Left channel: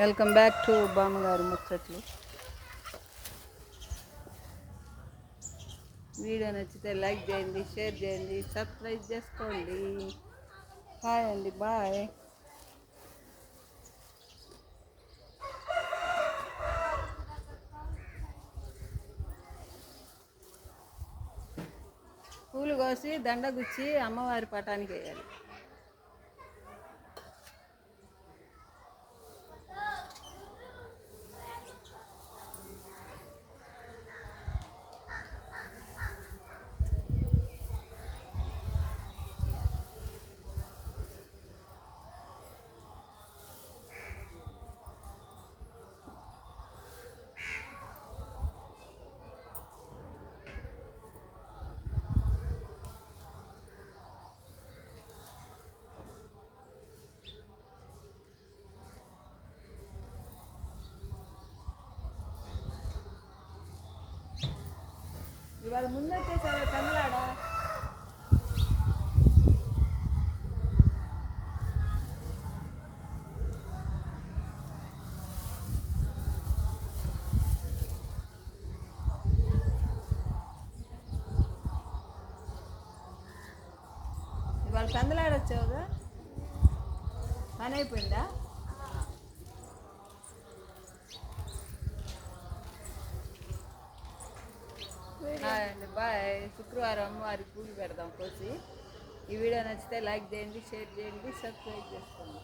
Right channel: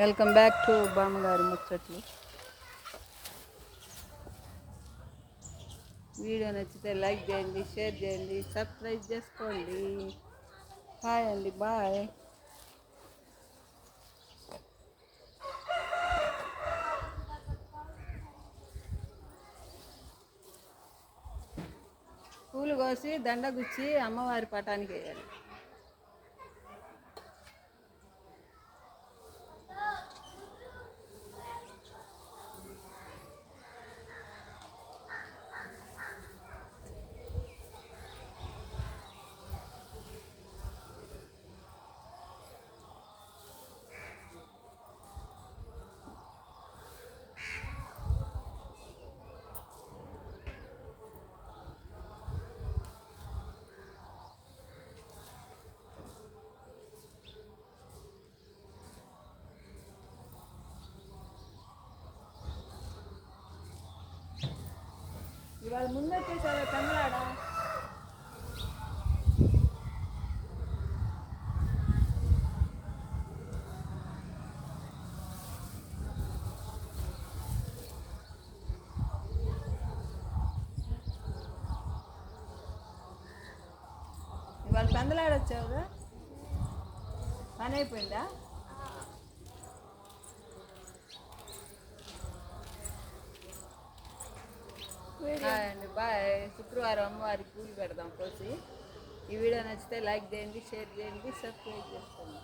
Welcome back to బామ్మగారి ముచ్చట్లు. Video నచ్చితే like చేయండి, షేర్ చేయండి, సబ్స్క్రైబ్ చేసుకోండి. హాయ్ అండి, బాయ్. పూలు కోసి దండ గుచ్చి అమ్మవారి పటానికి వేయాలి. ఇవాళ ముందొచ్చేసావే పెందలాడా. ఇవాళ పెందలాడొచ్చావుగా, పని అయిపోయిందా? హాయ్ అండి, బాయ్. శుక్రవారం అమ్మవారికి పూలు పెడదాం కోసి. ఈ వీడియో నచ్చితే లైక్ చేయండి, షేర్ చేయండి, సబ్స్క్రైబ్ చేసుకోండి.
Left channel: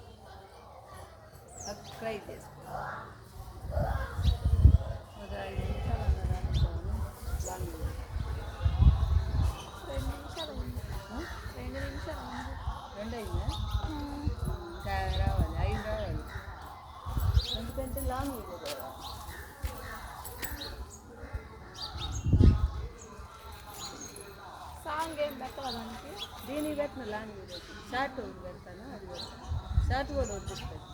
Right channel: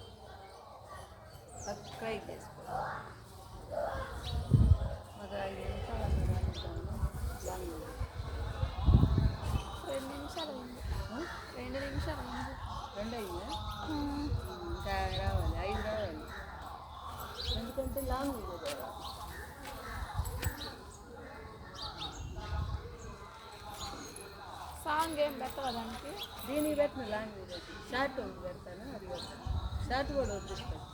ఒక 5 నిమిషాలు అన్న రానిద్దామని ప్లాన్. 2 నిమిషాలు అయిందా? ఇంకా రావాలి, 5 రావాలి. ఎందుకంటే లాంగ్ వీడియో కదా. సాంగ్ ఏం పెట్టడానికి దీనికి పెట్టిన లాంగ్ వీడియో షార్ట్ ఒకటి పెడతాను, అది పెడతాను. షార్ట్ కూడా వద్దిస్తాను.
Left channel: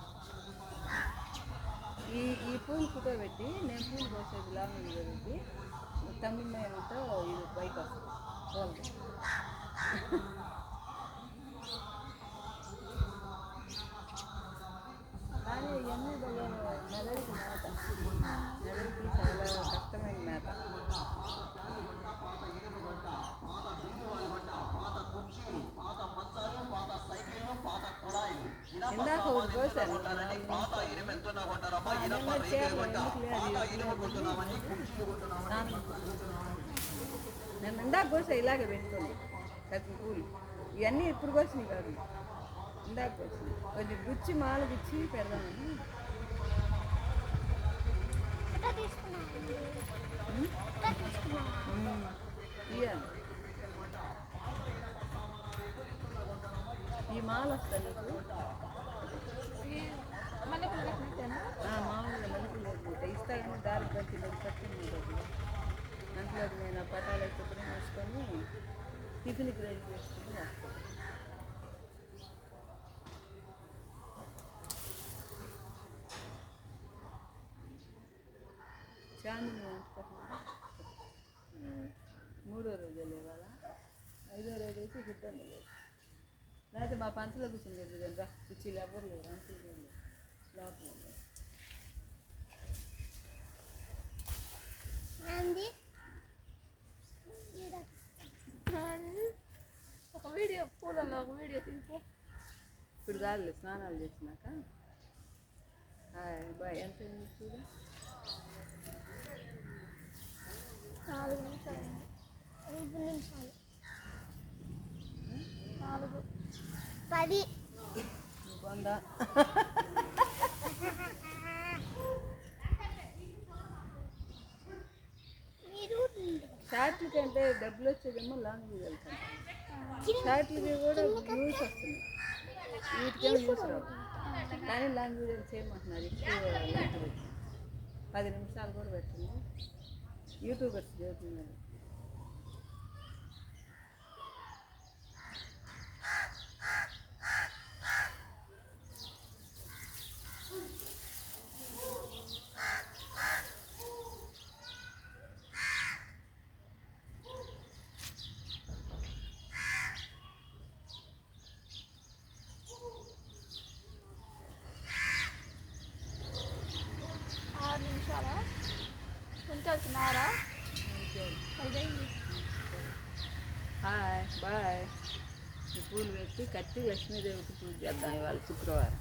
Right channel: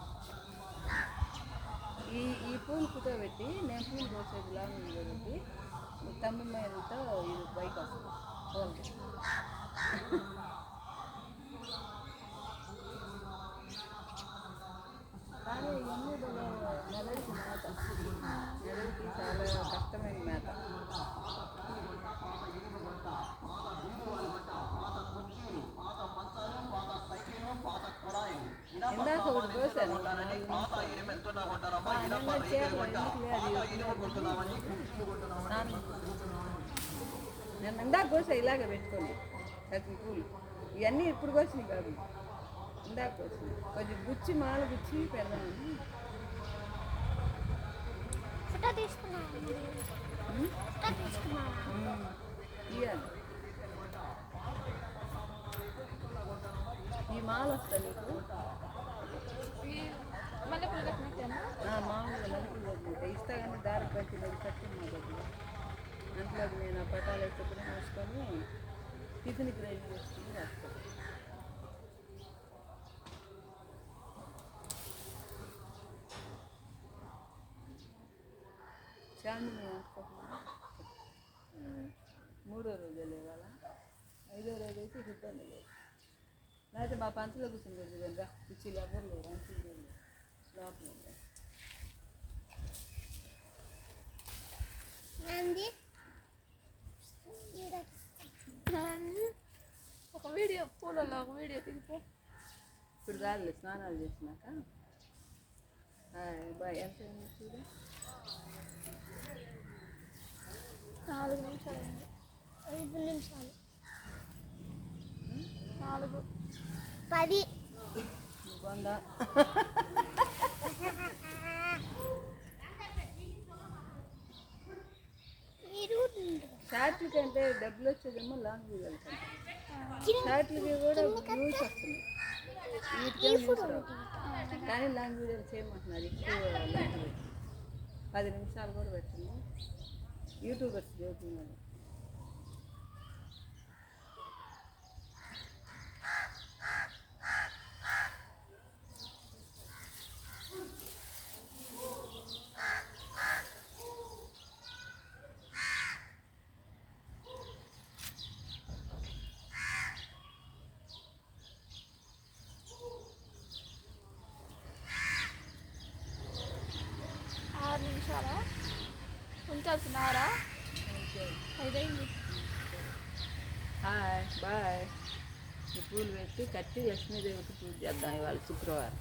ఈ పూలు ఫోటో పెట్టి నేను పూలు కోసేది లాంగ్ వీడియో పెట్టి తమ్మి మేలతో ఇది బైక్ వస్తుంది పూలది. కానీ ఇవన్నీ మెదడుకి మేత, మెదడుకి చాలా కష్టమైన మేత. ఇందాక ఒకటి కోసాను, 4 నిమిషాలు. నిన్న చీరలో ఎందుకు లేదు, స్నానం నేను ఇందాక కోసా ఇలాగే పెట్టుకొని కత్తి పూలు. ఇవన్నీ ఇప్పుడు కోసినాయి కాదు, ఇందాక కోసినాయి. కొంచెం గుచ్చి మాల గుచ్చి పెడదామని. ఇవ్వాలి. ఈ మాల వస్తా నీకు మామూలుగా మల్లెపూలు కట్టినట్టు ఇస్తా, కానీ దారి కట్టినది కట్టి మా దగ్గర అంతలోకి నేను ఆ పటాలు వేసుకొని వేసుకొని టిఫిన్కి రెడీ చేసుకుని వేస్తాను. చాందిని అంటుకోకుండా 3వ రోజు లేవాలా, 5వ రోజు అయితే ఇబ్బంది లేదు. లేకపోతే మా పంచలో కూర్చొని లేదు రా, కుర్చీలు ఎవ్వరు లేరు, అంచులు లేరు, లోపల లేదు. ఒక వీడియో పూలలో ఒక వీడియో తీసుకో. ఇప్పుడు కాదులే, స్నానాలు చేసినాక. బాయ్. ఎంత చూడు, 4 నిమిషాలు, 5 నిమిషాలు, 4, 10 బాగుందా? షార్ట్ల కంటే డబ్బులు వచ్చేదేమో లాంగ్ వీడియోలు కంటే. షార్ట్లకి కూడా వ్యూస్ వస్తున్నాయి, వీటికేమో వ్యూస్ రావు. కానీ లాంగ్ వీడియోలు చేయమంటున్నారు, ఎక్కువ లెంత్ పెట్టి 10 నిమిషాలు కూడా పెట్టండి. యూట్యూబర్స్ చెబుతున్నారు. అవుతున్నారా? ఐదైంది. Hi bye. ఈ పూలు పెట్టి కట్టి లక్ష్మీదేవికి పూజ చేద్దాం ఇవాళ శుక్రవారం.